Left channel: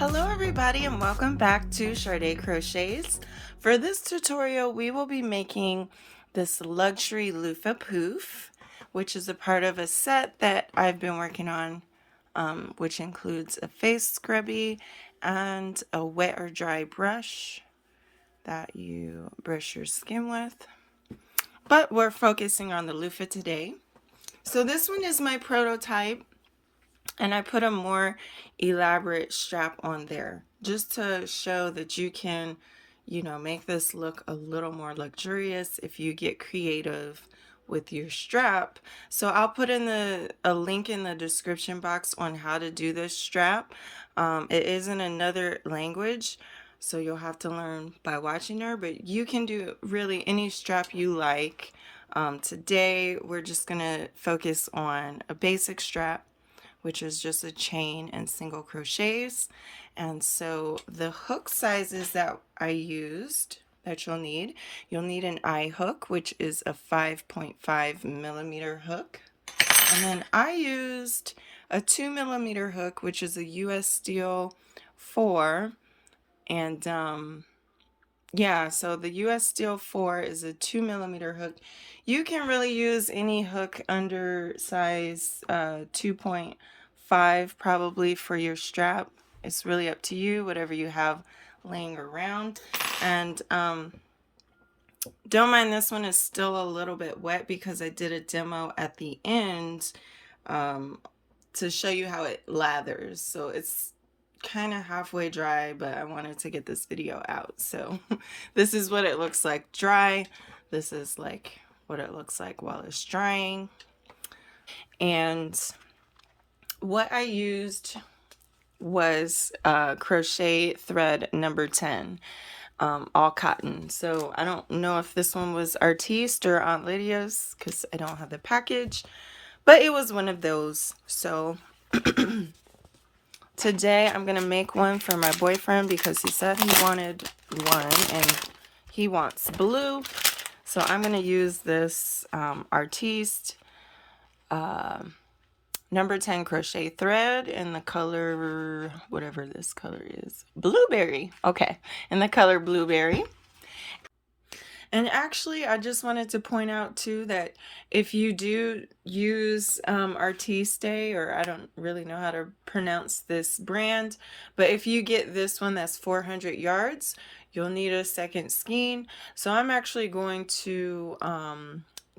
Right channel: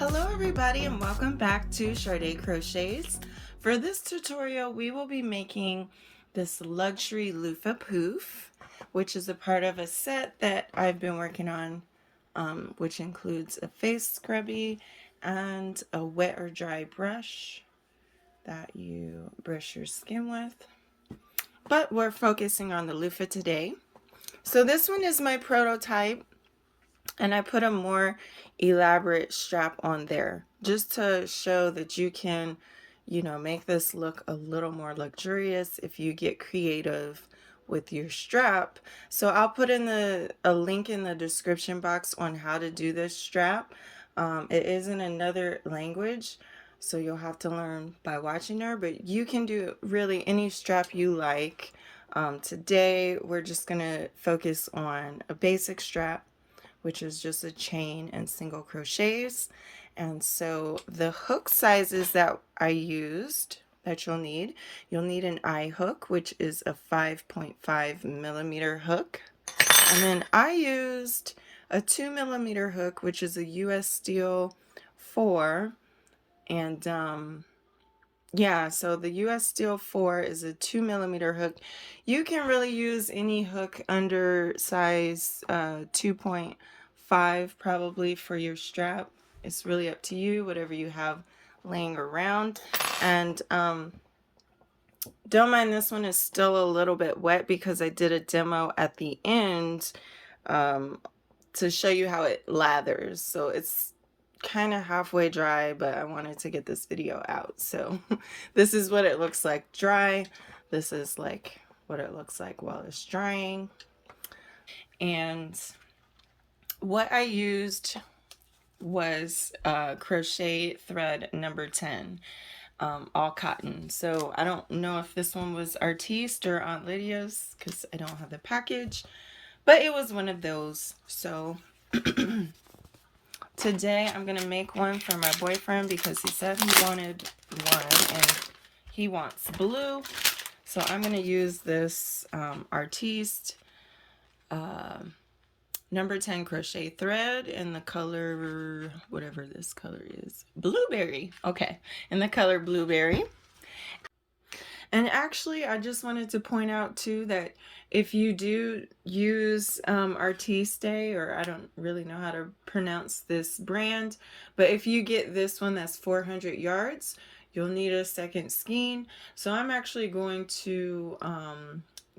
Hello everybody and welcome back to Sade Crochets. For this tutorial we will be making this luxury loofah poof, which is a part of a set that I've been working on, which includes a face scrubby and a wet or dry brush that you brush your skin with. But we're focusing on the loofah today. So this one is my prototype. And I put a more elaborate strap on there just to show that you can, make this look a little more luxurious if you get creative with your strap. So I'll put in a link in the description box on how to do this strap. It is in another language, so you'll have to learn by watching her, but you can do really any strap you like. Today we're just gonna focus on a basic strap, which is just a chain and single crochets. And so the hook sizes that I used that you'll need an eye hook, which is a 5.5 millimeter hook. And then I used a 2 millimeter hook, which is a US Steel 4. And yeah, so the US Steel 4 is a 2 millimeter hook. You can really use any hook under size 2.5 probably for your strap. It's really up to you, whatever you have laying around. And don't mind, this one is still a little bit wet because I did a demo at the end to show you how it lathers. So it's kind of halfway dry, but I wanted to get this video out. So this is what it looks like dry. This is like what it looks like while it's drying. And what I used was crochet thread number 10, all cotton. So I don't know if this one was Artiste or Aunt Lydia's because I don't have the package, but it was one of those. So today I'm gonna make one for my boyfriend because he said he wanted one and he wants blue. So I'm gonna use this Artiste number 10 crochet thread in the color, whatever this color is, blueberry. Okay, in the color blueberry. And actually, I just wanted to point out too that if you do use Artiste, or I don't really know how to pronounce this brand, but if you get this one that's 400 yards, you'll need a second skein. So I'm actually going to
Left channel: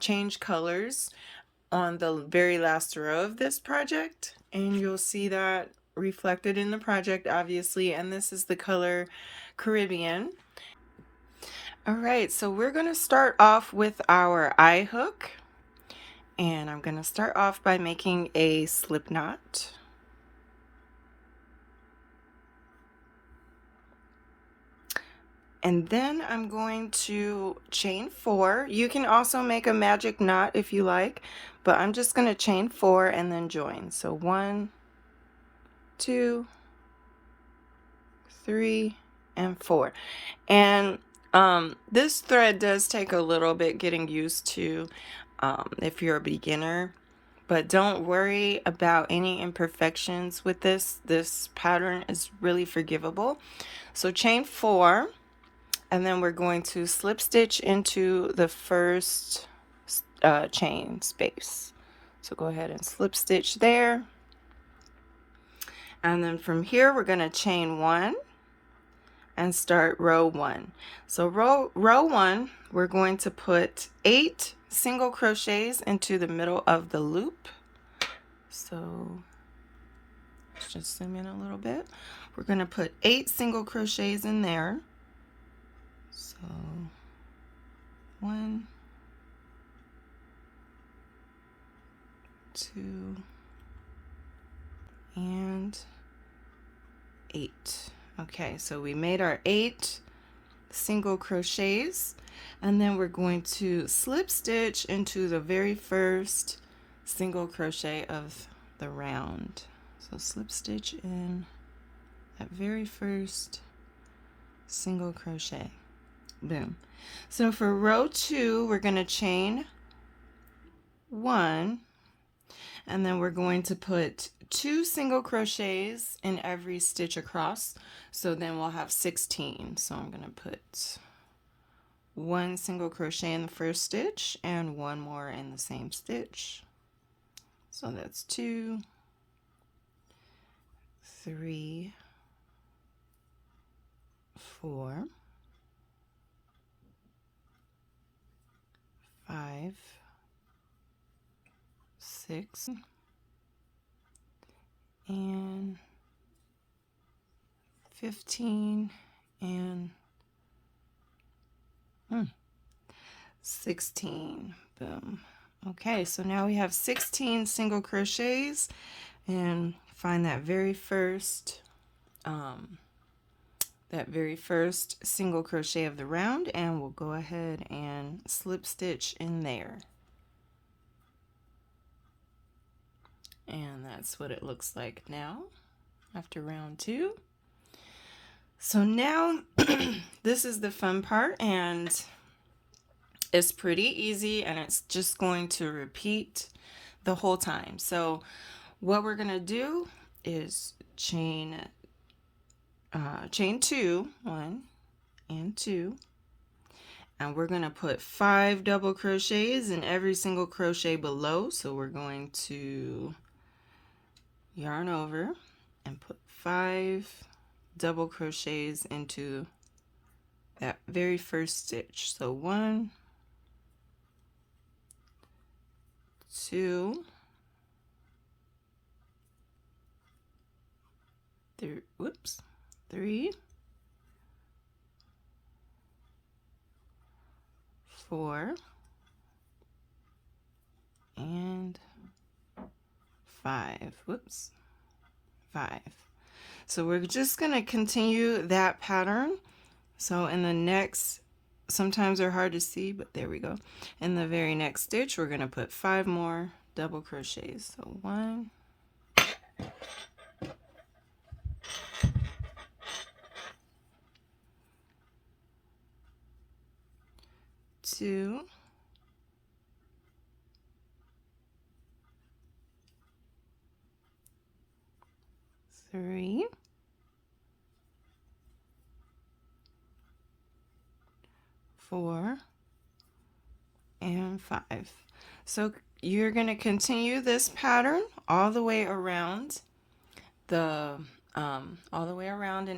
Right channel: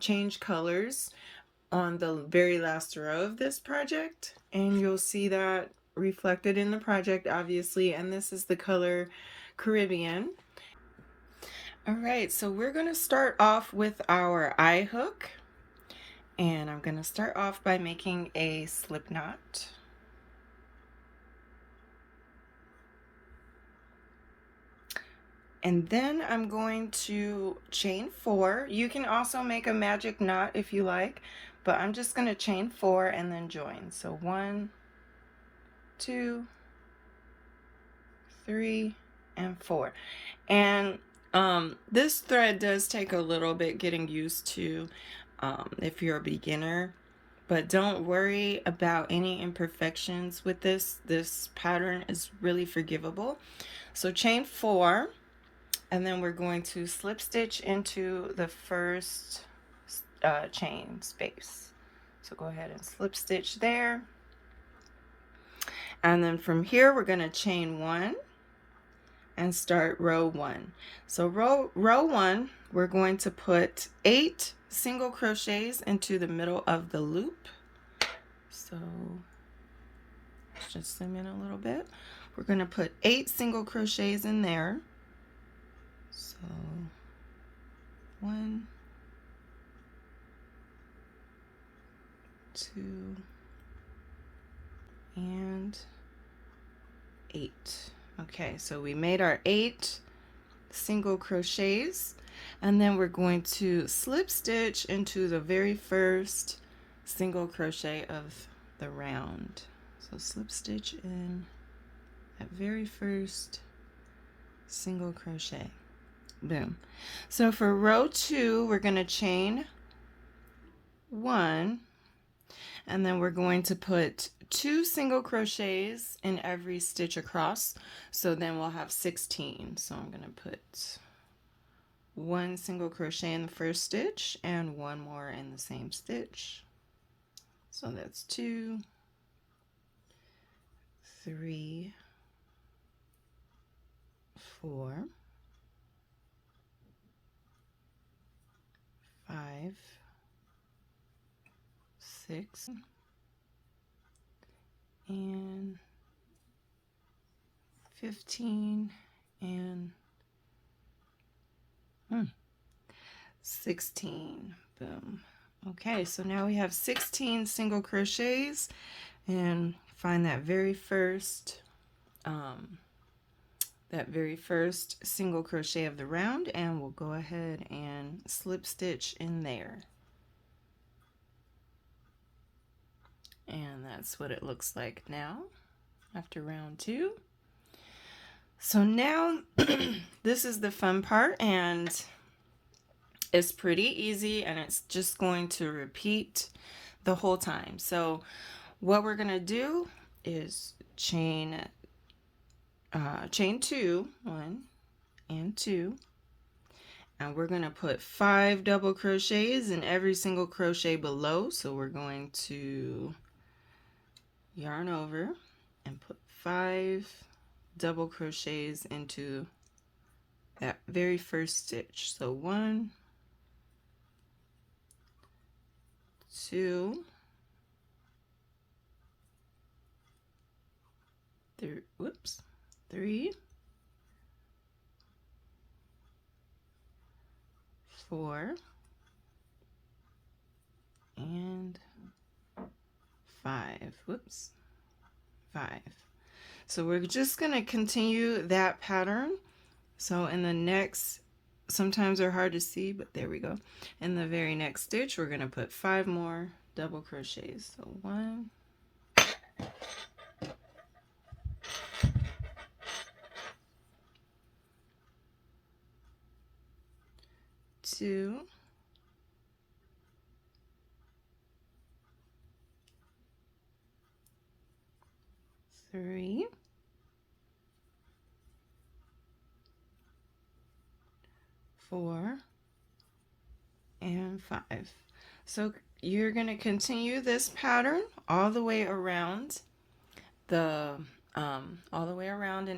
change colors on the very last row of this project, and you'll see that reflected in the project, obviously. And this is the color Caribbean. All right, so we're going to start off with our eye hook, and I'm going to start off by making a slip knot. And then I'm going to chain 4. You can also make a magic knot if you like, but I'm just going to chain 4 and then join. So 1, 2, 3, and 4. And this thread does take a little bit getting used to if you're a beginner, but don't worry about any imperfections with this. This pattern is really forgivable. So chain 4. And then we're going to slip stitch into the first chain space. So go ahead and slip stitch there. And then from here, we're going to chain 1 and start row 1. So row 1, we're going to put 8 single crochets into the middle of the loop. So let's just zoom in a little bit. We're going to put 8 single crochets in there. So 1, 2, and 8. Okay, so we made our 8 single crochets, and then we're going to slip stitch into the very first single crochet of the round. So slip stitch in that very first single crochet. Boom. So for row 2, we're going to chain 1, and then we're going to put 2 single crochets in every stitch across, so then we'll have 16. So I'm going to put 1 single crochet in the first stitch and 1 more in the same stitch. So that's 2, 3, 4, 5, 6, and 15, and 16. Boom. Okay, so now we have 16 single crochets, and find that very first single crochet of the round, and we'll go ahead and slip stitch in there. And that's what it looks like now after round 2. So now this is the fun part, and it's pretty easy, and it's just going to repeat the whole time. So what we're going to do is chain 2, 1 and 2, and we're going to put 5 double crochets in every single crochet below. So we're going to yarn over and put 5 double crochets into that very first stitch. So 1, 2, 3, 4, and 5. 5. So we're just going to continue that pattern. So in the next, sometimes they're hard to see, but there we go. In the very next stitch, we're going to put 5 more double crochets. So 1, 2, 3, 4, and 5. So you're going to continue this pattern all the way around in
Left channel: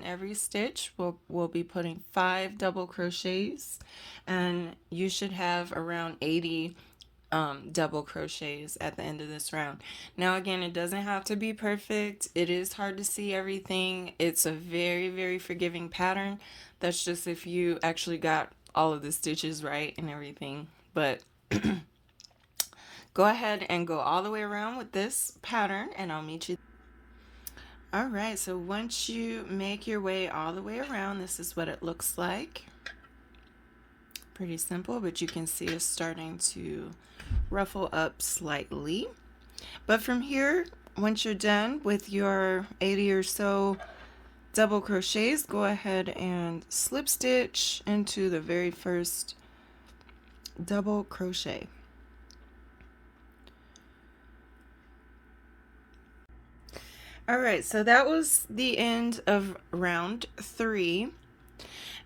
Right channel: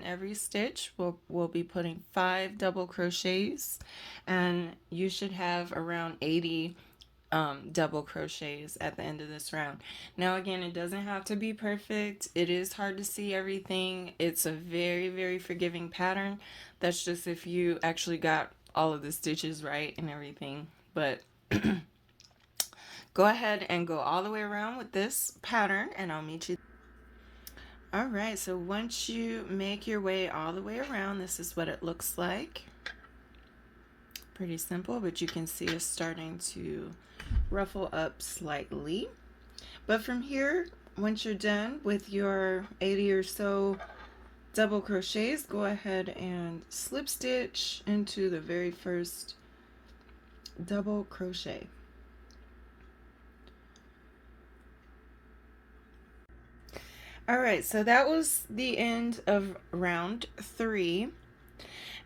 every stitch. We'll be putting 5 double crochets, and you should have around 80 double crochets at the end of this round. Now again, it doesn't have to be perfect. It is hard to see everything. It's a very, very forgiving pattern. That's just if you actually got all of the stitches right and everything. But go ahead and go all the way around with this pattern, and I'll meet you. All right, so once you make your way all the way around, this is what it looks like. Pretty simple, but you can see it's starting to ruffle up slightly. But from here, once you're done with your 80 or so double crochets, go ahead and slip stitch into the very first double crochet. All right, so that was the end of round 3.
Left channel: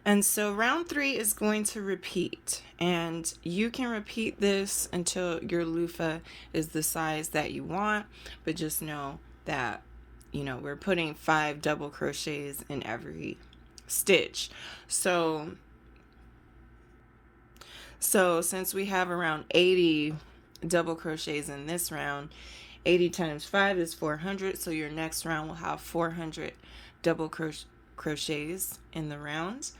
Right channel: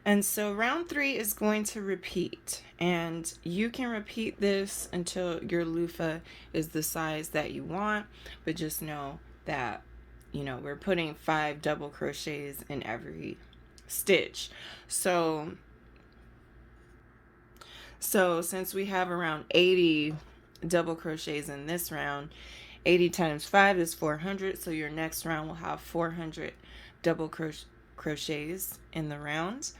And so round 3 is going to repeat, and you can repeat this until your loofah is the size that you want, but just know that, you know, we're putting 5 double crochets in every stitch. So since we have around 80 double crochets in this round, 80 times 5 is 400, so your next round will have 400 double crochets in the round.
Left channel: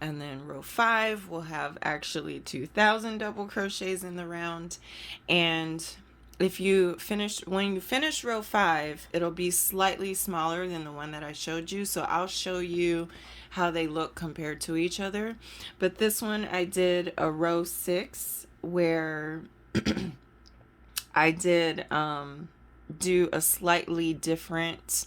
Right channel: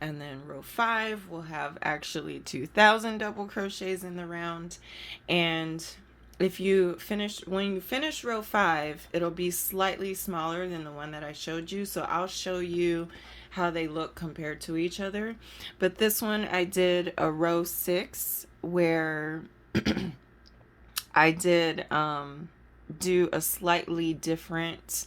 And then row 5 will have actually 2,000 double crochets in the round. And if you when you finish row 5, it'll be slightly smaller than the one that I showed you. So I'll show you how they look compared to each other. But this one, I did a row 6 where I did do a slightly different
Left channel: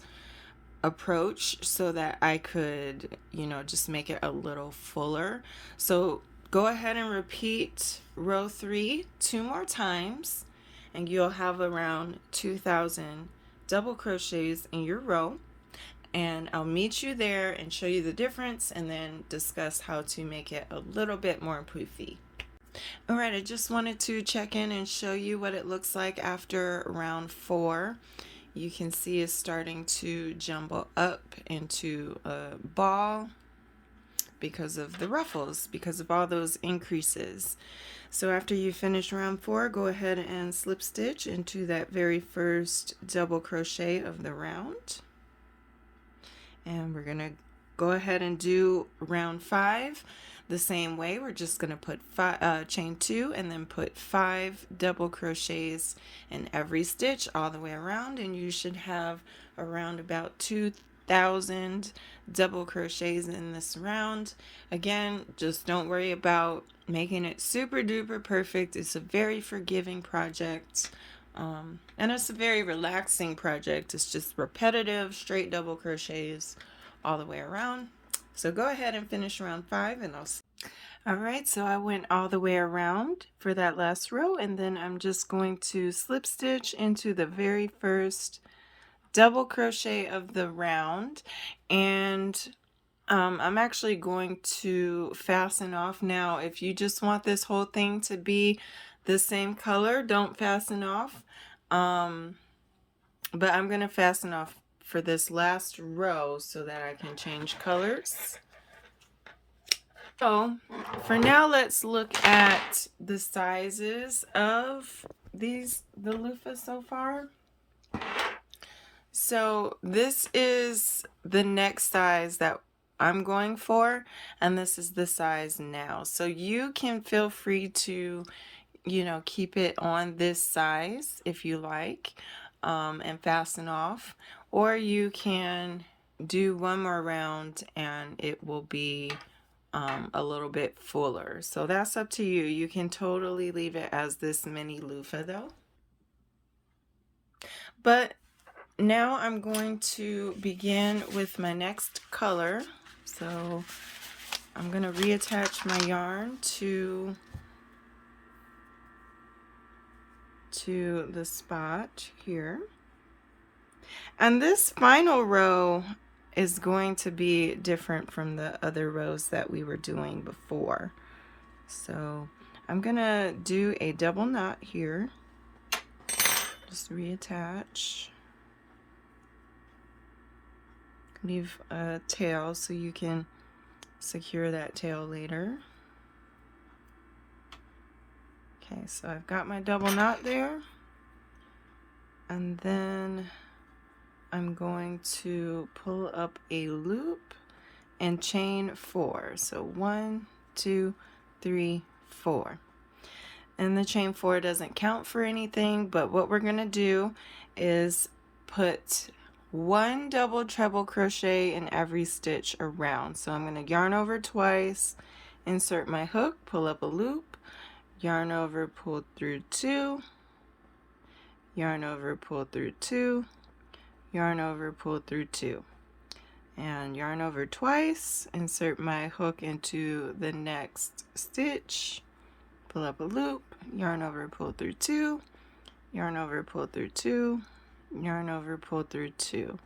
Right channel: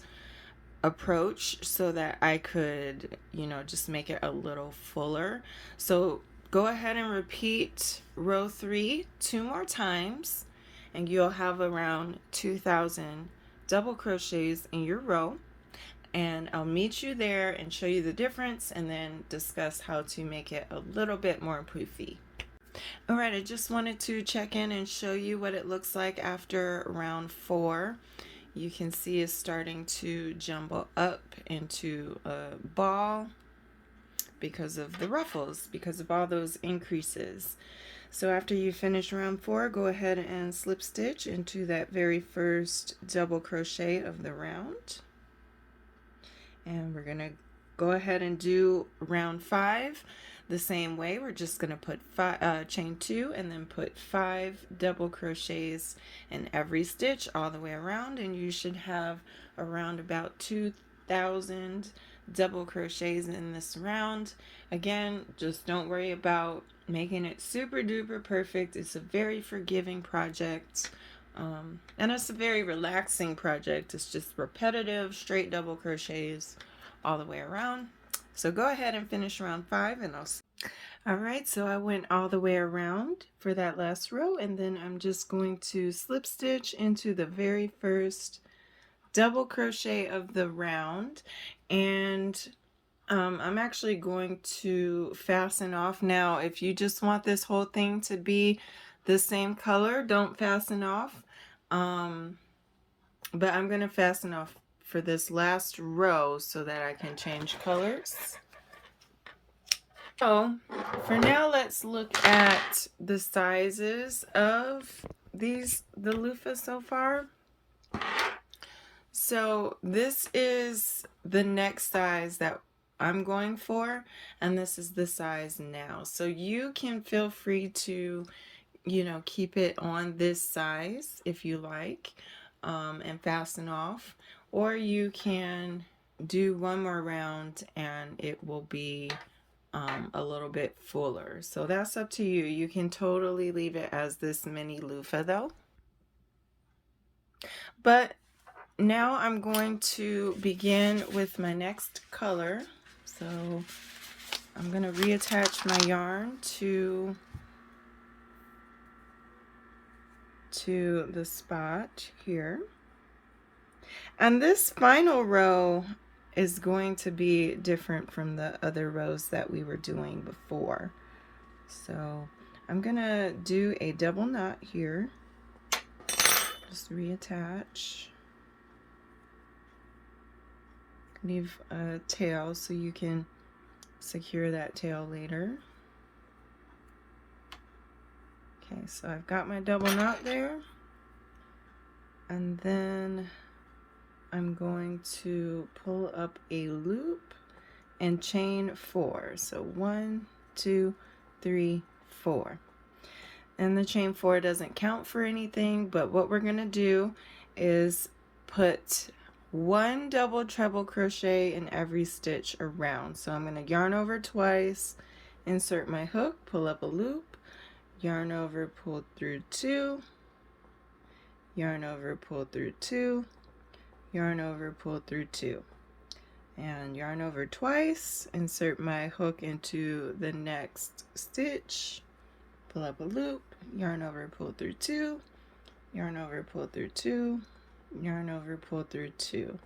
approach so that I could, you know, just make it a little fuller. So go ahead and repeat row 3 2 more times, and you'll have around 2,000 double crochets in your row. And I'll meet you there and show you the difference and then discuss how to make it a little bit more poofy. Alright, I just wanted to check in and show you what it looks like after round 4. You can see it's starting to jumble up into a ball because of the ruffles, because of all those increases. So after you finish round 4, go ahead and slip stitch into that very first double crochet of the round. And we're going to go ahead and do round 5 the same way. We're just going to put chain 2 and then put 5 double crochets in every stitch all the way around, and you should have around about 2,000 double crochets in this round. Again, just don't worry about making it super duper perfect. It's a very forgiving project, and it's a very relaxing project. It's just repetitive straight double crochets all the way around. So go ahead and finish round 5 and I'll see. Alright, so I went all the way around for that last row, and then I'm just going to slip stitch into the very first double crochet of the round, and I'm actually going to fasten off. Now if you just want this whole thing to be the same color, don't fasten off, but I'm going to fasten off for this last row so that I can change colors. So for now, let's look at the sizes of the loofahs so far. So this is the next size that I'm going for, and this is the size now. So you can feel free to, you know, keep it on this size if you like, and fasten off, or you can do one more round and it will be a little bit fuller. So that's up to you. You can totally leave it as this mini loofah though. But now I'm going to begin with my next color. So I'm going to reattach my yarn to the spot here. And this final row is going to be different from the other rows that we were doing before. So I'm going to do a double knot here. Just reattach. Leave a tail so you can secure that tail later. Okay, so I've got my double knot there, and then I'm going to pull up a loop and chain 4. So 1, 2, 3, 4. And the chain 4 doesn't count for anything, but what we're going to do is put 1 double treble crochet in every stitch around. So I'm going to yarn over twice, insert my hook, pull up a loop, yarn over, pull through 2, yarn over, pull through 2, yarn over, pull through 2, and yarn over twice, insert my hook into the next stitch, pull up a loop, yarn over, pull through 2, yarn over, pull through 2, yarn over, pull through 2.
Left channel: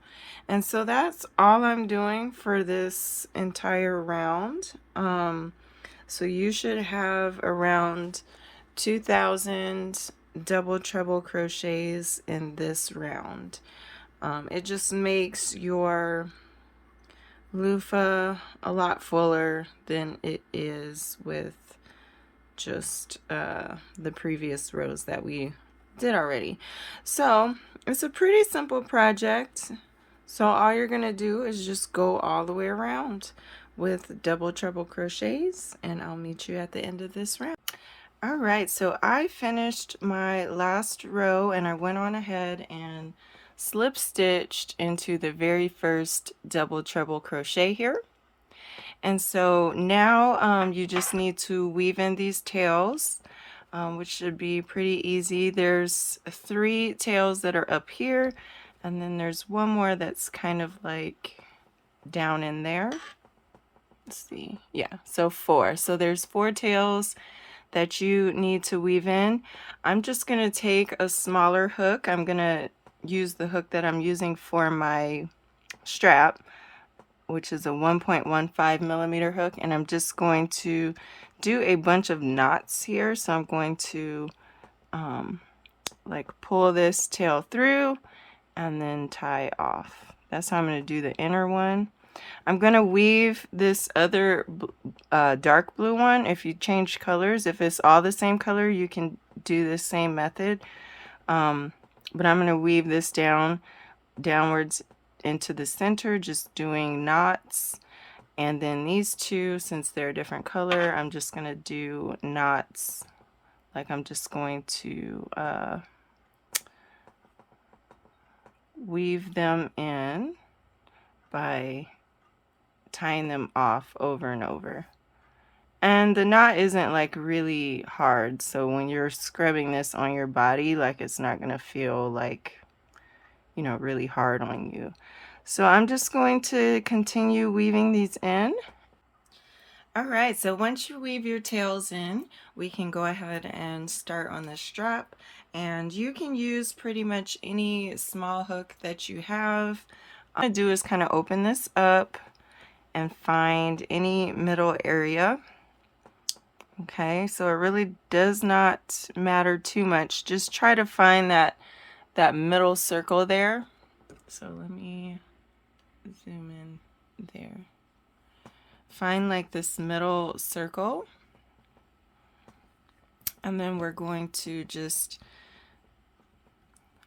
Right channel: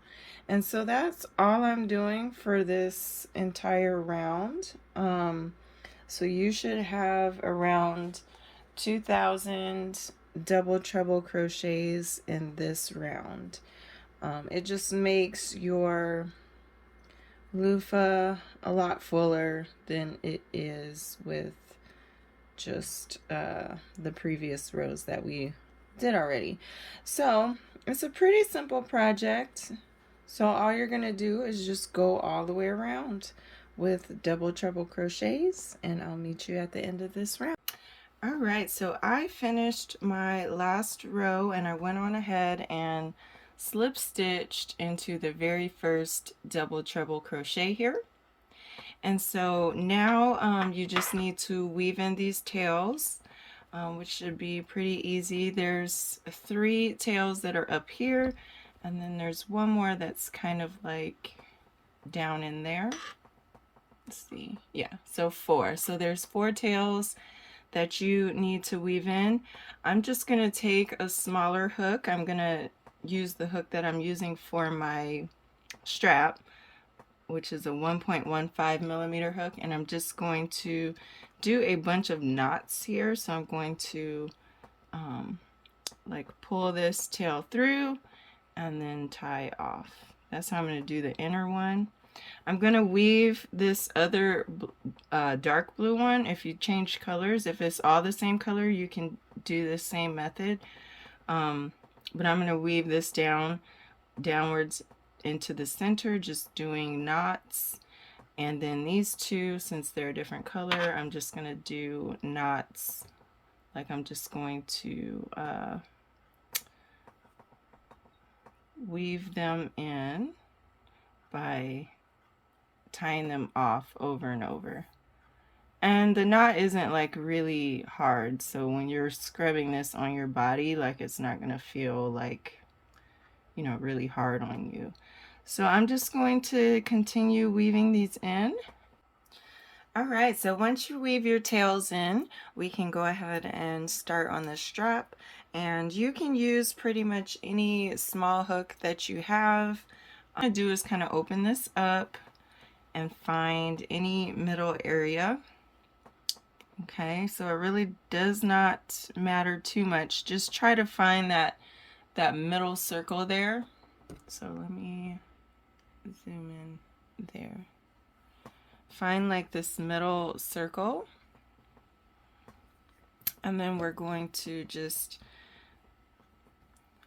And so that's all I'm doing for this entire round. So you should have around 2,000 double treble crochets in this round. It just makes your loofah a lot fuller than it is with just the previous rows that we did already. So it's a pretty simple project. So all you're gonna do is just go all the way around with double treble crochets, and I'll meet you at the end of this round. All right, so I finished my last row and I went on ahead and slip stitched into the very first double treble crochet here. And so now you just need to weave in these tails, which should be pretty easy. There's 3 tails that are up here, and then there's one more that's kind of like down in there. Let's see, yeah, so 4. So there's 4 tails that you need to weave in. I'm just going to take a smaller hook. I'm going to use the hook that I'm using for my strap, which is a 1.15 millimeter hook, and I'm just going to do a bunch of knots here. So I'm going to like pull this tail through and then tie off. That's how I'm going to do the inner one. I'm going to weave this other dark blue one. If you change colors, if it's all the same color, you can do the same method. But I'm going to weave this downwards into the center, just doing knots. And then these two, since they're a different color, I'm just going to do knots. Like I'm just going to weave them in by tying them off over and over. And the knot isn't like really hard, so when you're scrubbing this on your body, like it's not gonna feel like, you know, really hard on you. So I'm just going to continue weaving these in. All right, so once you weave your tails in, we can go ahead and start on the strap, and you can use pretty much any small hook that you have. What I'm gonna do is kind of open this up and find any middle area. Okay, so it really does not matter too much. Just try to find that middle circle there. So let me zoom in there. Find like this middle circle, and then we're going to just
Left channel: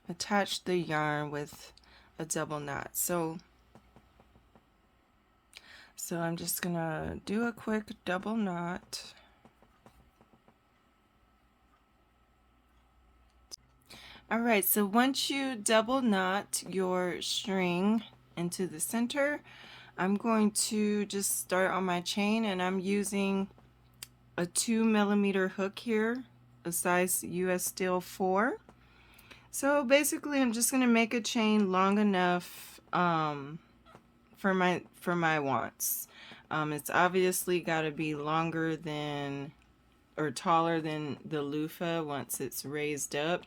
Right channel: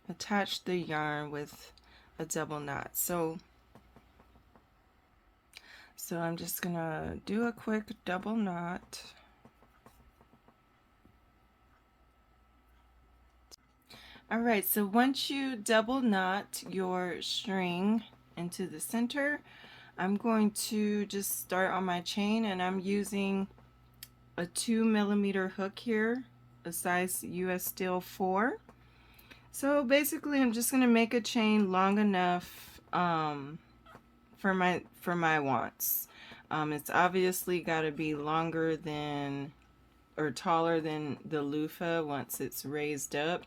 attach the yarn with a double knot. So I'm just gonna do a quick double knot. All right, so once you double knot your string into the center, I'm going to just start on my chain, and I'm using a 2 millimeter hook here, a size US steel 4. So basically I'm just going to make a chain long enough for my wants. It's obviously got to be longer than or taller than the loofah once it's raised up.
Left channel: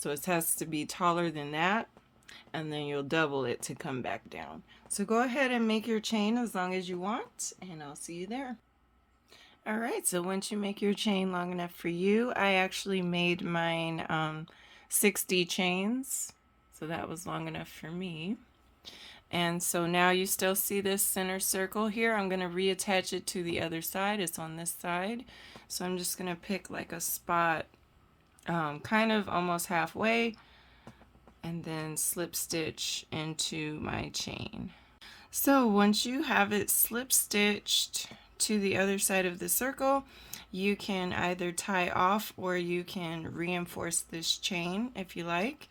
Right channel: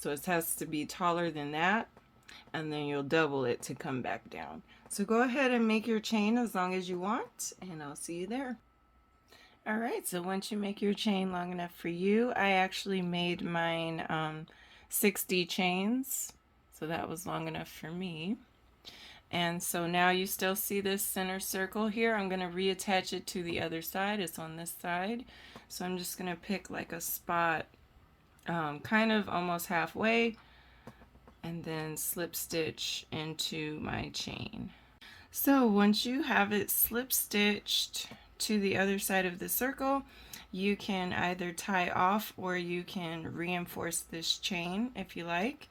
So it has to be taller than that, and then you'll double it to come back down. So go ahead and make your chain as long as you want, and I'll see you there. All right, so once you make your chain long enough for you, I actually made mine 60 chains, so that was long enough for me. And so now you still see this center circle here. I'm going to reattach it to the other side. It's on this side. So I'm just going to pick like a spot kind of almost halfway, and then slip stitch into my chain. So once you have it slip stitched to the other side of the circle, you can either tie off or you can reinforce this chain if you like.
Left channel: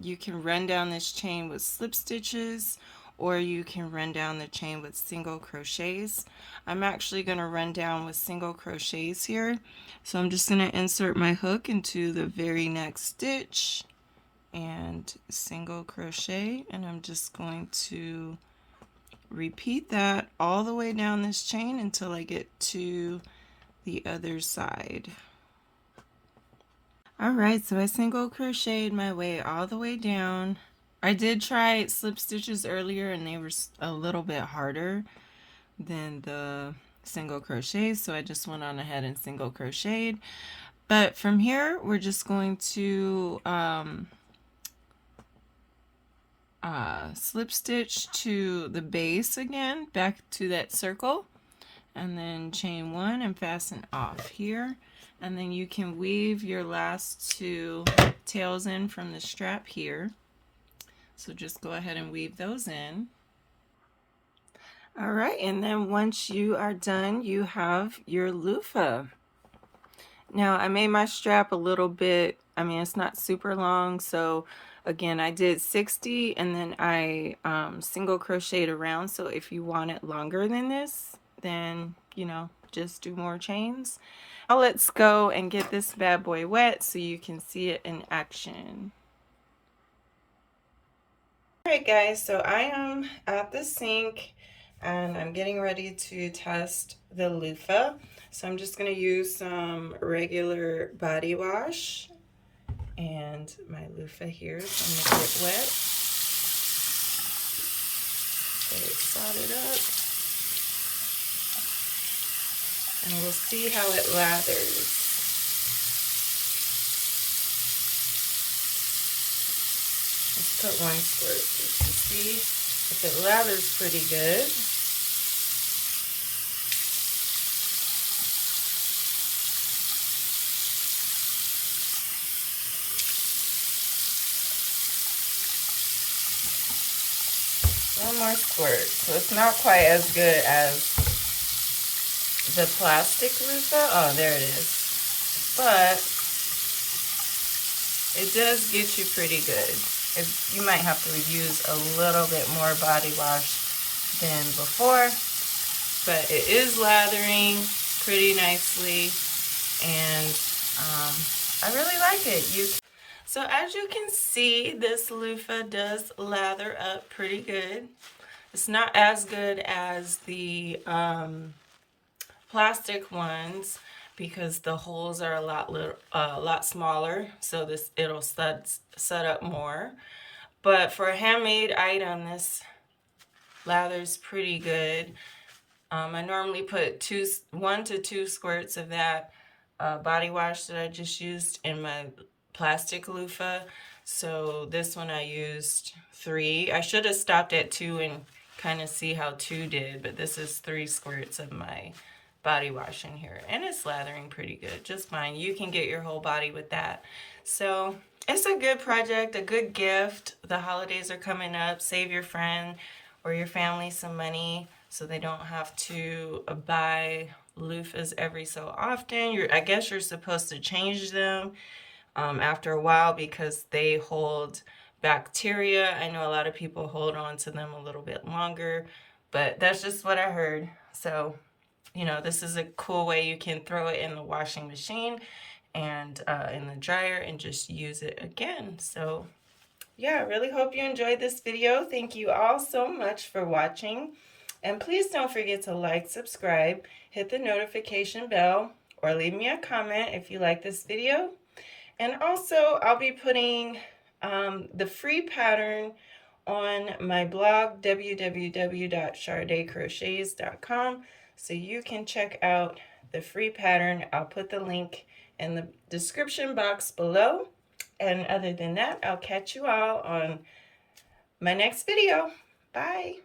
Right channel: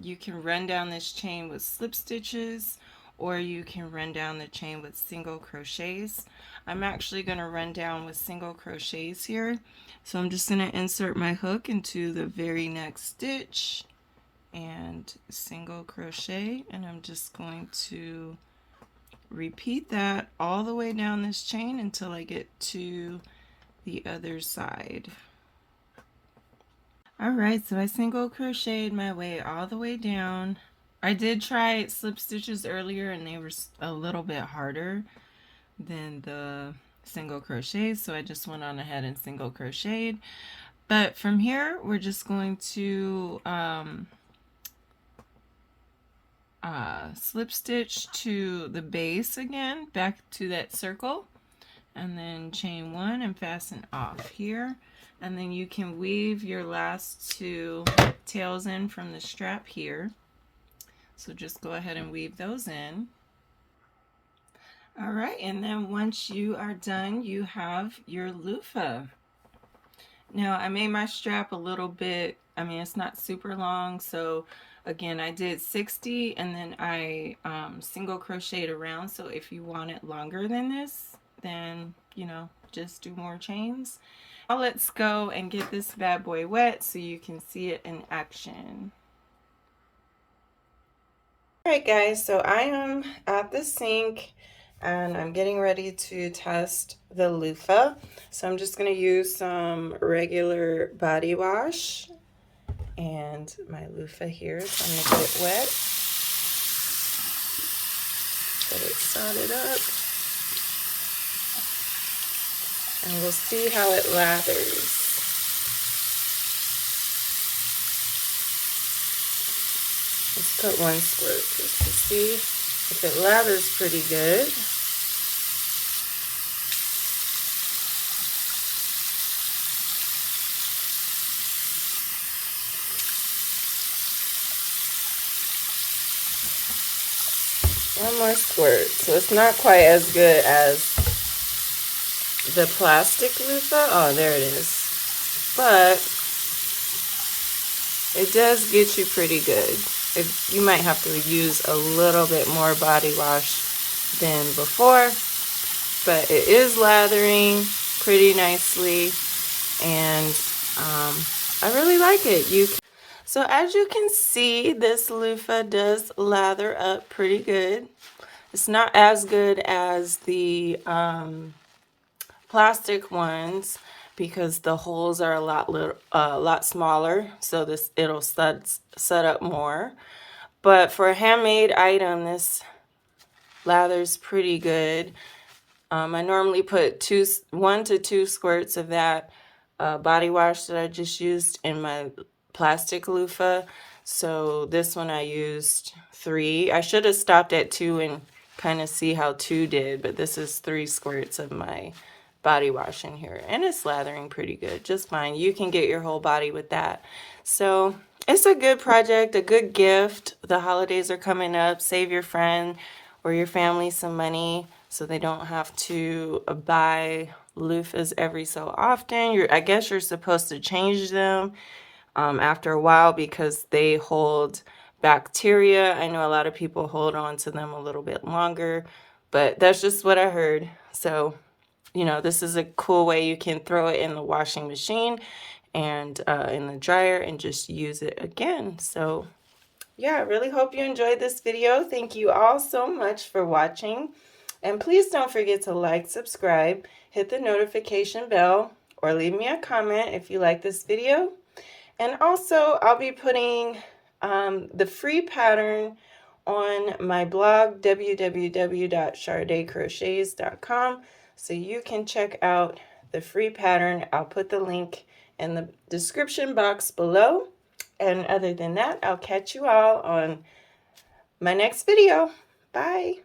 You can run down this chain with slip stitches, or you can run down the chain with single crochets. I'm actually going to run down with single crochets here. So I'm just going to insert my hook into the very next stitch and single crochet, and I'm just going to repeat that all the way down this chain until I get to the other side. Alright, so I single crocheted my way all the way down. I did try slip stitches earlier and they were a little bit harder than the single crochet, so I just went on ahead and single crocheted. But from here we're just going to slip stitch to the base again, back to that circle, and then chain one and fasten off here, and then you can weave your last two tails in from the strap here. So just go ahead and weave those in. All right, and then once you are done, you have your loofah. Now I made my strap a little bit, I mean it's not super long, so again I did 60 and then I single crocheted around. So if you want it longer than this, then you know, just do more chains. Now let's go and get this bad boy wet so you can see it in action. Alright guys, so I am at the sink and I'm getting ready to test the loofah. So I'm just going to use some regular body wash and my loofah here. So I'm going to get it wet. Get it soldered up. And we'll see how it lathers. Let's put one squirt just to see if it lathers pretty good. One more squirt. So it's not quite as good as the plastic loofah. Oh, there it is. But it does get you pretty good. You might have to use a little bit more body wash than before, but it is lathering pretty nicely, and I really like it. So as you can see, this loofah does lather up pretty good. It's not as good as the plastic ones because the holes are a lot smaller, so it'll set up more. But for a handmade item, this lathers pretty good. I normally put 1 to 2 squirts of that body wash that I just used in my plastic loofah. So this one I used 3. I should have stopped at 2 and kind of see how 2 did, but this is 3 squirts of my body wash in here, and it's lathering pretty good, just fine. You can get your whole body with that. So it's a good project, a good gift. The holidays are coming up. Save your friend or your family some money so they don't have to buy loofahs every so often. I guess you're supposed to change them after a while because they hold bacteria. I know a lot of people hold on to them a little bit longer, but that's just what I heard. So you know, this is a cool way you can throw it in the washing machine and in the dryer and just use it again. So yeah, I really hope you enjoyed this video. Thank you all so much for watching. And please don't forget to like, subscribe, hit the notification bell, or leave me a comment if you like this video. And also, I'll be putting the free pattern on my blog, www.chardaycrochets.com, so you can check out the free pattern. I'll put the link in the description box below. And other than that, I'll catch you all on my next video. Bye.